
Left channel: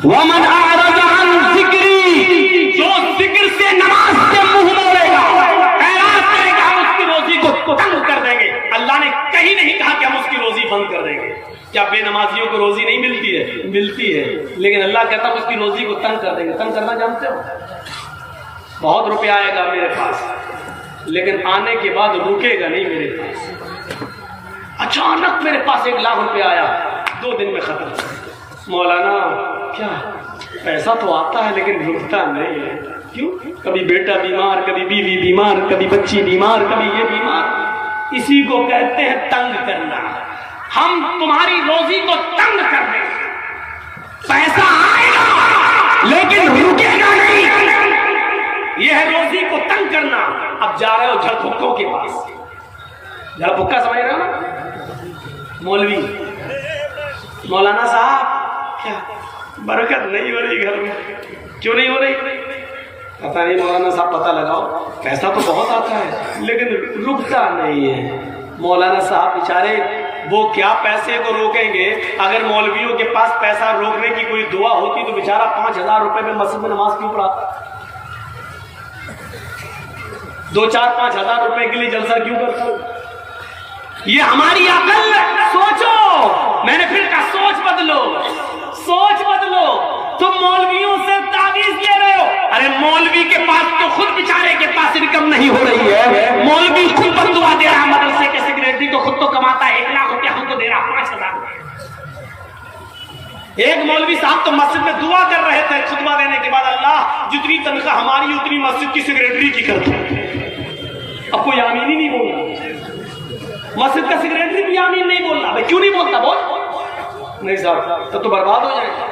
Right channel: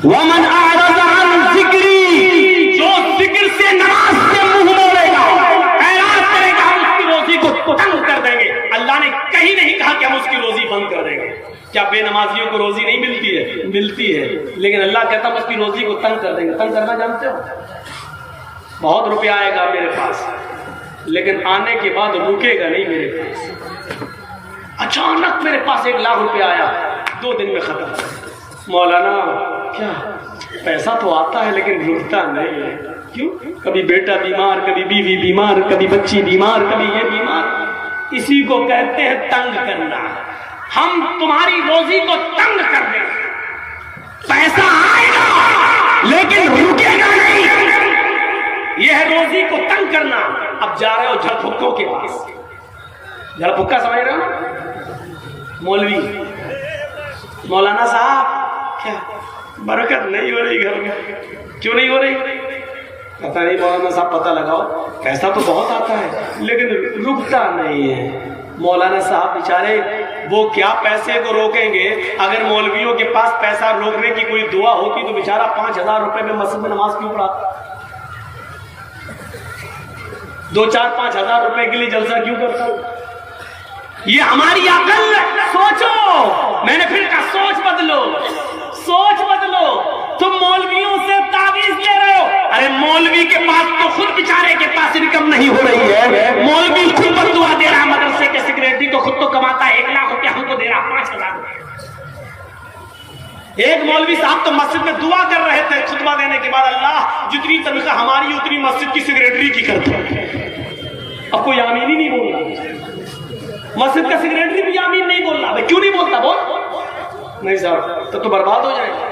وَمَنْ أَعْرَضَ عَنْ ذِكْرِي، جو ذکر سے نماز سے منہ موڑے گا، اعراض کرے گا، اس کی روزی کو تنگ کر دیں گے. اللہ نے کہیں نہیں کہا کہ ہم اس کی روزی بند کر دیں گے. کیا بے نمازیوں کو روزی نہیں ملتی ہے؟ ملتی ہے، لیکن اللہ کہتا ہے اس کی روزی کو تنگ کر دیں گے. تنگ کرنا جانتے ہو؟ بہت روپیہ آئے گا میرے پاس، لیکن آنے کے بعد رکے گا نہیں میرے پاس. اچانک میرے پاس 1 لاکھ روپیہ آیا، 2 دن میں ختم. مولانا کیا پیسہ تو آتا ہے لیکن رکتا نہیں ہے. کیوں؟ کبھی بیٹا بیمار، کبھی بیوی بیمار، کبھی بچی بیمار، کبھی یہ بیمار. اسی کو کہتے ہیں تنگ کرنا. ہم تمہاری روزی کو تنگ کر دیں. پیسہ آئے گا لیکن رکے گا نہیں. یہ ہے روزی کو تنگ کرنا. اب جا رہے ہو جھڑ پھکوں کے پاس. جھڑ پھکا سمجھ رہے نا؟ مولوی مولانا صاحب کیا برکت نہیں ہو رہی گھر میں؟ کیوں نہیں ہو رہی؟ پتہ نہیں مولانا صاحب، پتہ لگاؤ. پیسہ تو بہت آتا ہے لیکن رکتا نہیں ہے. مولانا صاحب بیچارے وہ کیا پیسے کو روکیں گے؟ اگر مولویوں کے پاس پیسہ روکنے کی کوئی دعا ہوتی تو بیچارہ 5,000 روپے میں مسجد میں نماز کیوں پڑھاتا؟ 2-4-5 ہزار روپے کے لیے جلسہ کیوں کرتا؟ یہ ہماری عقل. سوچو، میں نے پھر کہا سوچ بدلو، سوچ بدلو. تم مولویوں سے تعویذ لے رہے ہو. ارے مولوی کے پاس تو خود بیچارے کے پاس انکم نہیں ہو رہی ہے. مولوی خود بدعا دے رہا ہے. مدرسے کے سیکریٹری تو خود تو کماتا ہے 1 لاکھ روپیہ، ہم کو دے رہا 5,000 روپے. ایک مولوی صاحب تو مسجد میں دعا کر رہے تھے خطبہ دینے کے بعد، اللہ جتنی تنخواہ ہماری اتنی مسجد کی سیکریٹری کی کرتے. اب کوئی آمین ہی نہیں بول رہا. مسجد کا سیکریٹری بھی آمین نہیں بول رہا. کیوں نہیں بولتا؟ بول. نہیں صاحب تب تو برباد ہو جائے گا.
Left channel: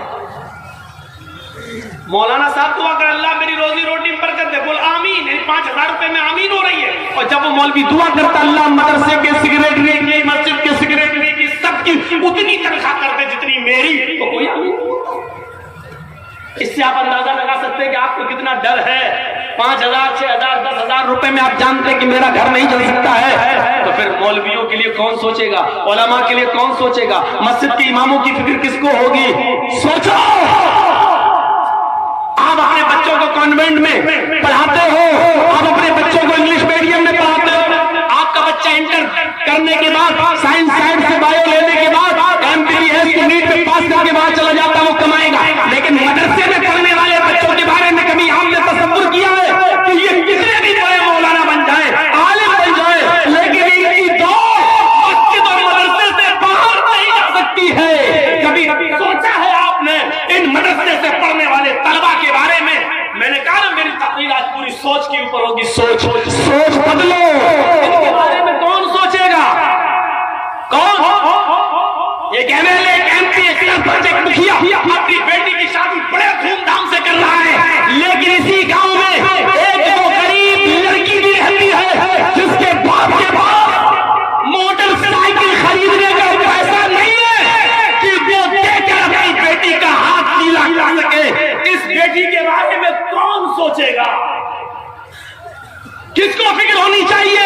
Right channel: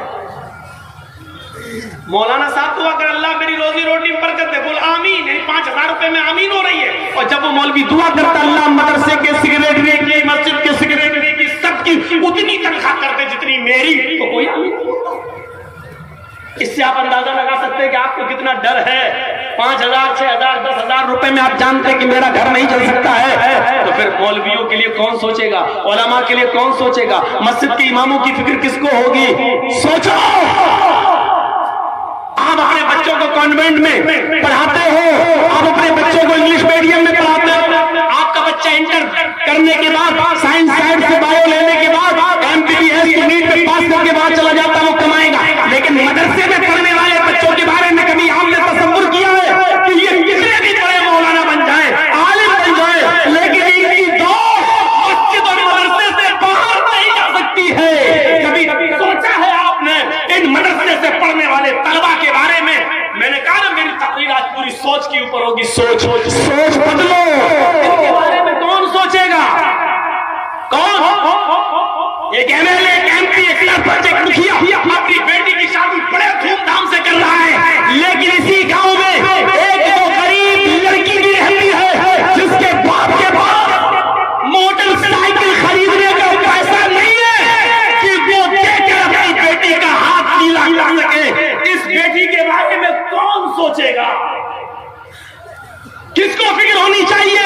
مولانا صاحب دعا کر اللہ میری روزی روٹی میں برکت دے، بول آمین. 5,000 روپے میں آمین ہو رہی ہے. اور جب وہ مولوی دعا کرتا اللہ مدرسے کے سیکریٹری کی، مسجد کے سیکریٹری کی، سب کی اتنی تنخواہ کر دے جتنی میری، تو کوئی آمین. اس سے آپ اندازہ لگا سکتے ہیں کہ آپ کو کتنا ڈر ہے. 5,000 6,000 10,000 روپے میں آپ جانتے ہیں کہ میرا گھر نہیں چل سکتا ہے. تو پھر مولویوں کے لیے کون سوچے گا؟ علماء کے لیے کون سوچے گا؟ مسجد کے اماموں کی فکر کس کو ہوگی؟ سوچو. آپ اپنے بچوں کو کانوینٹ میں پڑھاتے ہو، آپ اپنے بچوں کو انگلش میڈیم میں پڑھاتے ہو. آپ کا بچہ انٹر کرنے کے بعد سائنس سائڈ سے بایو لینے کے بعد MBBS کی نیٹ میں پاس کرنے کے بعد چلا جاتا ہے، وہ کمائے گا. لیکن مدرسے میں پڑھنے والے بچوں کے بارے میں کبھی ہم نے تصور کیا ہے کہ یہ کتنے بھی بڑے مولانا بن جائے، عالم بن جائے، لیکن ان کی دو مسجد اور مدرسے سے باہر نہیں جا سکتی ہے؟ کبھی سوچا ہے آپ نے ان مدرسے سے پڑھنے والے طلبا کے بارے میں؟ میں نے کہا نا میری تقریر آج پوری سوچ کے اوپر ہوگی. سوچ بدلو. ان کے بارے میں کون سوچے گا؟ کون؟ ایک MLA، ایک MP، ایک سرپنچ، ایک مکھیا اپنی بیٹی کی شادی بڑے دھوم دھام سے کر رہا ہے، لیکن اسی گاؤں میں ایک تو غریب لڑکی بھی رہتی ہے جس کے باپ کے پاس موٹر سائیکل خریدنے کا پیسہ نہیں ہے کہ وہ دے کر اپنی بیٹی کا ہاتھ نیلا کر سکے. اس بیٹی کے بارے میں کون سوچے گا؟ کس کو فکر ہونی چاہیے؟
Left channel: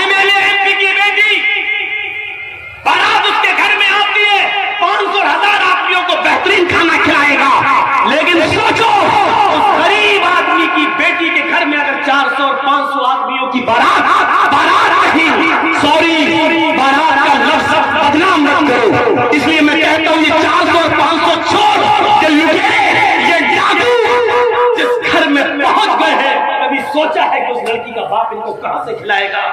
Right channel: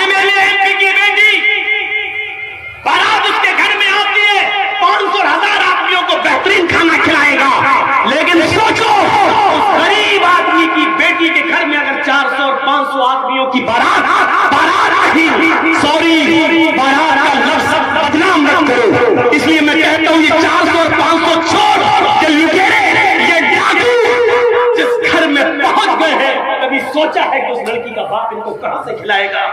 MLA MP کی بیٹی بارات اس کے گھر میں آتی ہے، 500,000 آدمیوں کو بہترین کھانا کھلائے گا. لیکن سوچو اس غریب آدمی کی بیٹی کے گھر میں اگر 400 اور 500 آدمیوں کی بارات آئی، سوری بارات کا لفظ بدنام مت کرو. اس لیے میں کہتا ہوں یہ 400 اور 500 چھوڑ کہ یہ ڈاکو جس گھر میں پہنچ گئے ہیں، کبھی سوچا ہے کہ اس لڑکی کا باپ ان کو کہاں سے کھلائے گا؟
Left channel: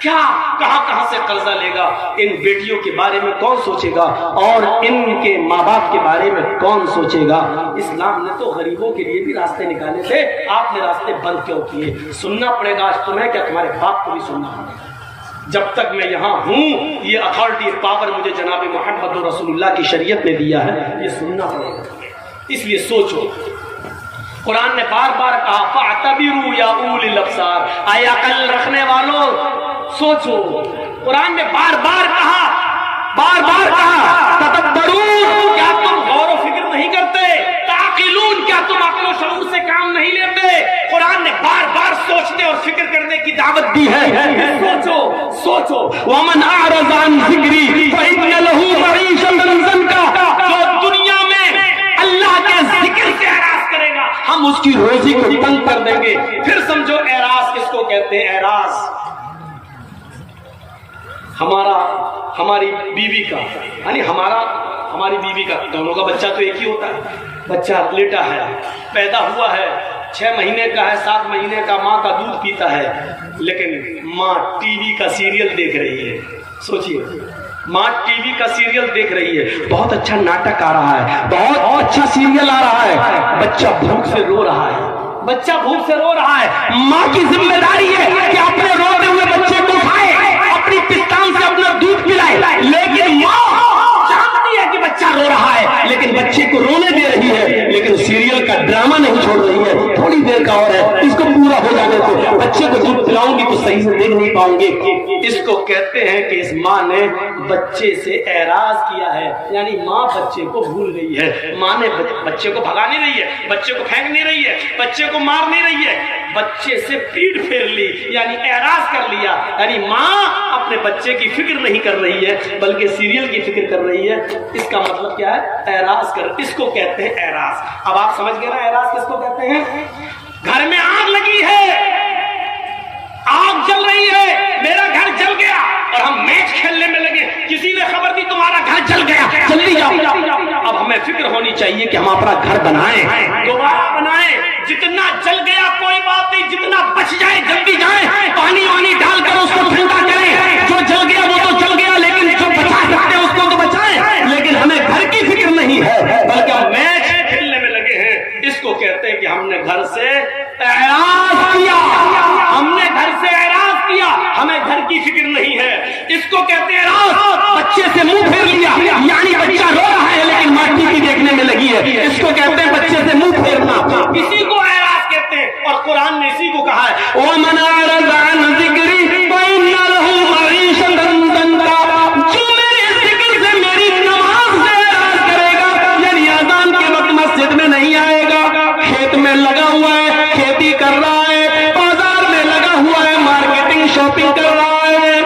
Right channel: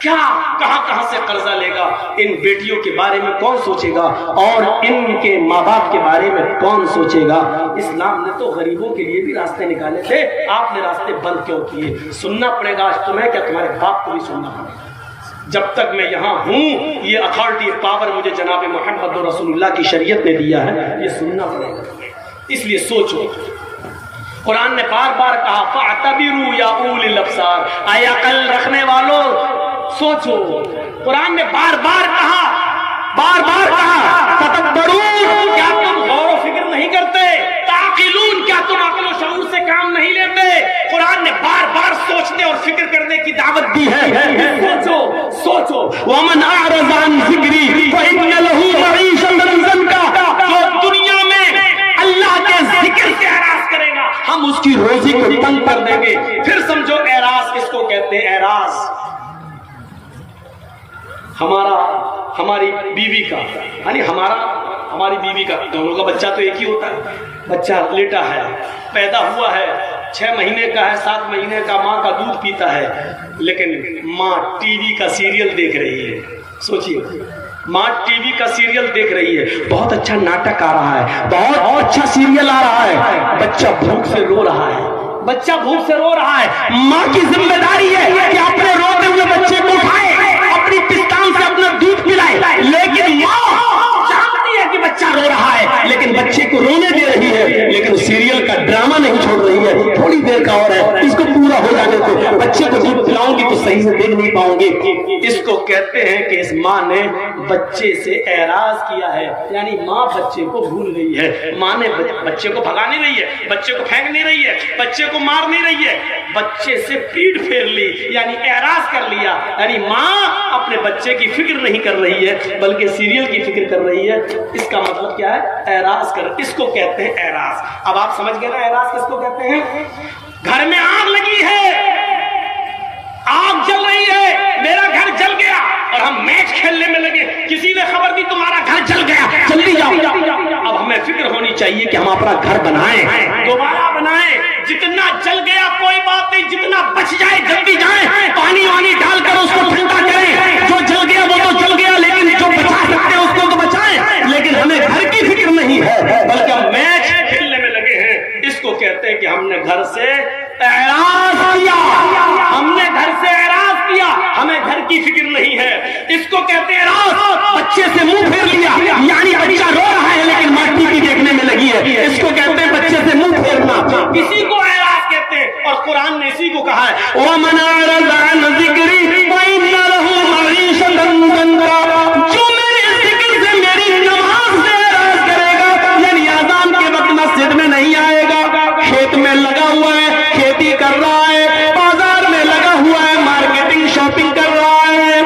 کیا کہاں سے قرضہ لے گا؟ ان بیٹیوں کے بارے میں کون سوچے گا؟ اور ان کے ماں باپ کے بارے میں کون سوچے گا؟ اسلام نے تو غریبوں کے لیے بھی راستے نکالے تھے، آپ نے راستے بند کیوں کیے؟ سننا پڑے گا آج تمہیں، کیا تمہارے باپ کو بھی سننا پڑے گا؟ جب تک میں یہاں ہوں یہ اتھارٹی پاور مجھے جناب محمد رسول اللہ کی شریعت نے دیا ہے، یہ سننا پڑے گا. اس لیے سوچو. قرآن نے بار بار کہا فاعتبروا یا اولی الابصار، اے عقل رکھنے والوں سوچو. قرآن نے بار بار کہا تدبرون، کیا تم غور و فکر نہیں کرتے؟ تعقلون، کیا تم عقل و شعور سے کام نہیں لیتے؟ قرآن نے بار بار سوچنے اور فکر کرنے کی دعوت دی ہے. سوچو. ومن اعرض عن ذکری فإن له معیشۃ ضنکا، جو دنیا میں اللہ کے ذکر سے اعراض کرے گا ہم اس کی روزی کو تنگ کر دیں گے. پھر سمجھو اعراض کس کو کہتے ہیں؟ اعراض ہماری بیوی کا، یعنی ہماری بیوی کا، دونوں کا بچہ تو ایک ہی ہوتا ہے. بچہ لیٹا ہے، پیدا ہوا ہے، 6 مہینے کا ہے، 7 مہینے کا، ماں کا دودھ پیتا ہے، لیکن ماں ٹی وی کا سیریل دیکھ رہی ہے. سوچیے، ماں ٹی وی کا سیریل دیکھ رہی ہے، بہت اچھا ناٹک آ رہا ہے، بہت اچھا سیریل آ رہا ہے، بچہ بھوک سے رو رہا ہے. ماں کی ذمہ داری ہے کہ اپنے روتے ہوئے بچے کو کھائے، اپنی پستان سے اپنا دودھ پلائے. لیکن ماں جانتی ہے کہ بچہ رو رہا ہے، لیکن بچے کو رونے دے رہی ہے لیکن سیریل کا ڈرامہ نہیں چھوڑ رہی ہے، تھوڑی دیر کا اور ہے، اس کو پورا ہو جانے دو، بچے کو دودھ پلاؤں گی تو صحیح سے دیکھ نہیں پاؤں گی۔ اس کو کہتے ہیں کہ اس ماں نے بچے سے اعراض کیا ہے، یعنی ماں بچے کو بھول گئی ہے، ماں نے بچے کو بھگا نہیں رہی ہے، بچے کو پھینک نہیں رہی ہے، بچے کو مار نہیں رہی ہے، بچے سے پیٹ پھیر لی، یعنی اعراض کر لیا، یعنی ماں اپنے بچے کی فکر نہیں کر رہی ہے بلکہ سیریل کی فکر کر رہی ہے۔ اس کا مطلب کیا ہے؟ اعراض کر، اس کو کہتے ہیں اعراض۔ اب آپ سمجھ گئے نا اعراض کس کو کہتے ہیں؟ گھر میں آگ لگی ہے، آگ جل رہی ہے، میرا گھر جل گیا اور ہم میچ کھیلنے میں لگے، کسی نے خبر دی تمہارا گھر جل گیا، جلدی جاؤ۔ اب ہمیں فکر ہونی چاہیے کہ ہم اپنا گھر بنائیں، دوبارہ بنائیں، جتنا جل گیا کوئی بات نہیں، جتنا بچ جائے جلدی جائیں، پانی وانی ڈال کر اس کو ٹھنڈا کریں، جو جل گیا وہ تو جل گیا لیکن جو بچا سکتے ہیں اس کو تو بچائیں، لیکن ہمیں گھر کی فکر نہیں ہے بلکہ ہم میچ کھیلنے میں لگے ہیں۔ اس کو کہتے ہیں کہ ہم نے گھر سے اعراض کیا، ہم نے گھر سے اعراض کیا، ہمیں گھر کی فکر نہیں ہے، اس کو کہتے ہیں اعراض۔ بچے سے منہ پھیر لیا، یعنی بچہ رو رہا ہے لیکن ماں ٹی وی دیکھنے میں لگی ہے، اس کو کہتے ہیں بچے سے منہ پھیرنا، اسی کو اعراض کہتے ہیں۔ اور قرآن نے اسی کو کہا ہے وَمَنْ أَعْرَضَ عَنْ ذِكْرِي فَإِنَّ لَهُ مَعِيشَةً ضَنكًا، جو میرے ذکر سے میری نماز سے اعراض کرے گا، یعنی اذان کے وقت مسجد میں نہیں آئے گا، کھیت میں لگا ہوا ہے، کھیتی کر رہا ہے، بازار میں لگا ہوا ہے، مارکیٹنگ شاپنگ کر رہا ہے،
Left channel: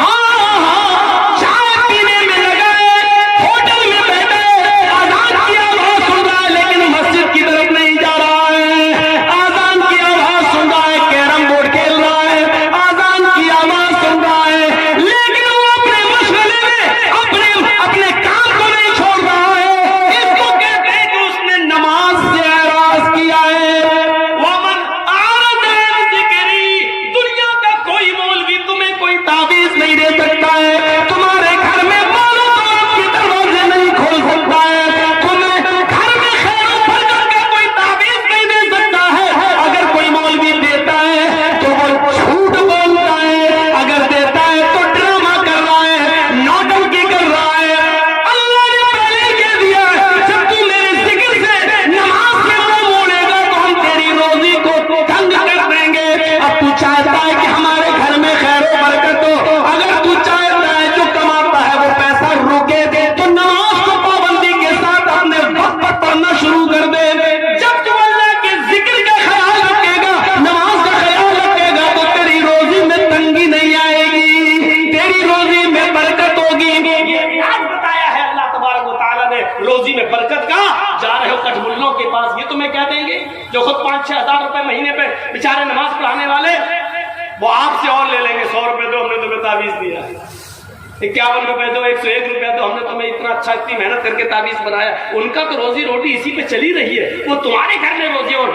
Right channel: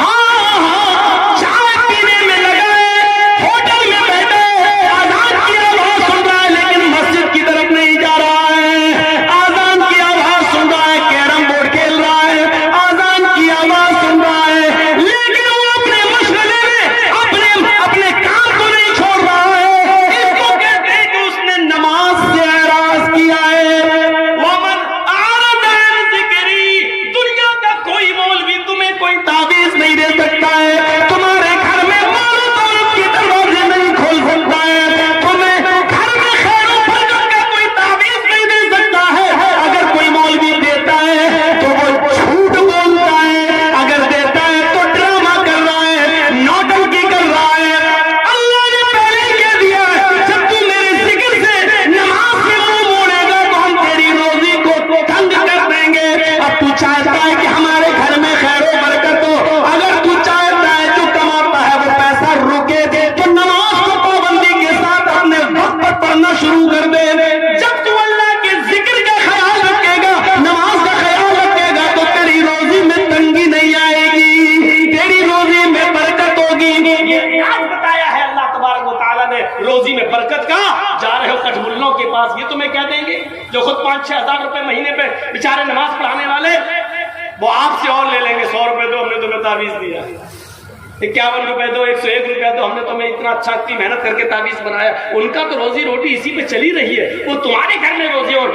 ہاں چائے پینے میں لگا ہے، ہوٹل میں بیٹھا ہے، آزان کی آواز سن رہا ہے لیکن مسجد کی طرف نہیں جا رہا ہے، آزان کی آواز سن رہا ہے، کیرم بورڈ کھیل رہا ہے، آزان کی آواز سن رہا ہے لیکن وہ اپنے مشغلے میں اپنے کام کو نہیں چھوڑ رہا ہے، اس کو کہتے ہیں کہ اس نے نماز سے اعراض کیا ہے۔ وَمَنْ أَعْرَضَ عَنْ ذِكْرِي، دنیا کا کوئی مولوی تمہیں کوئی تعویذ نہیں دے سکتا ہے، تمہارے گھر میں مال و دولت کے دروازے نہیں کھول سکتا ہے، تمہیں گھر میں خیر و برکت کا کوئی تعویذ نہیں دے سکتا ہے، اگر کوئی مولوی دیتا ہے تو وہ جھوٹ بولتا ہے، اگر دیتا ہے تو ڈرامہ کر رہا ہے، نوٹنکی کر رہا ہے۔ اللہ نے پہلے ہی کہہ دیا جب تم میرے ذکر سے نماز سے منہ موڑے گا تو ہم تیری روزی کو تنگ کر دیں گے۔ اب تو چاہتا ہے کہ ہمارے گھر میں خیر و برکت ہو، اگر تو چاہتا ہے جو کماتا ہے وہ پیسہ روکے دے تو نماز کو پابندی کے ساتھ ہم نے وقت پر پڑھنا شروع کر دے۔ جب تو اللہ کے ذکر کا خیال رکھے گا، نماز کا خیال رکھے گا تو تیری روزی میں تنگی نہیں آئے گی، تیری روزی میں برکت ہوگی۔ آج بتایا ہے اللہ تبارک و تعالیٰ نے روزی میں برکت کا، جا رہے ہو کچھ ملوں کے پاس، یہ تمہیں کہہ دیں گے جو خود 5-6 ہزار روپے مہینے پہ بیچارے نماز پڑھانے والے، وہ آپ سے اور لے لیں گے 100 روپے دو، ہم نے تمہیں تعویذ دیا، 51 روپے دو، 101 روپے دو، ہم نے تمہیں اتنا اچھا اتنی محنت کر کے تعویذ بنایا۔ ان کا تو روزی روٹی اسی پہ چلی رہی ہے، وہ تمہارے گھر میں روزی اور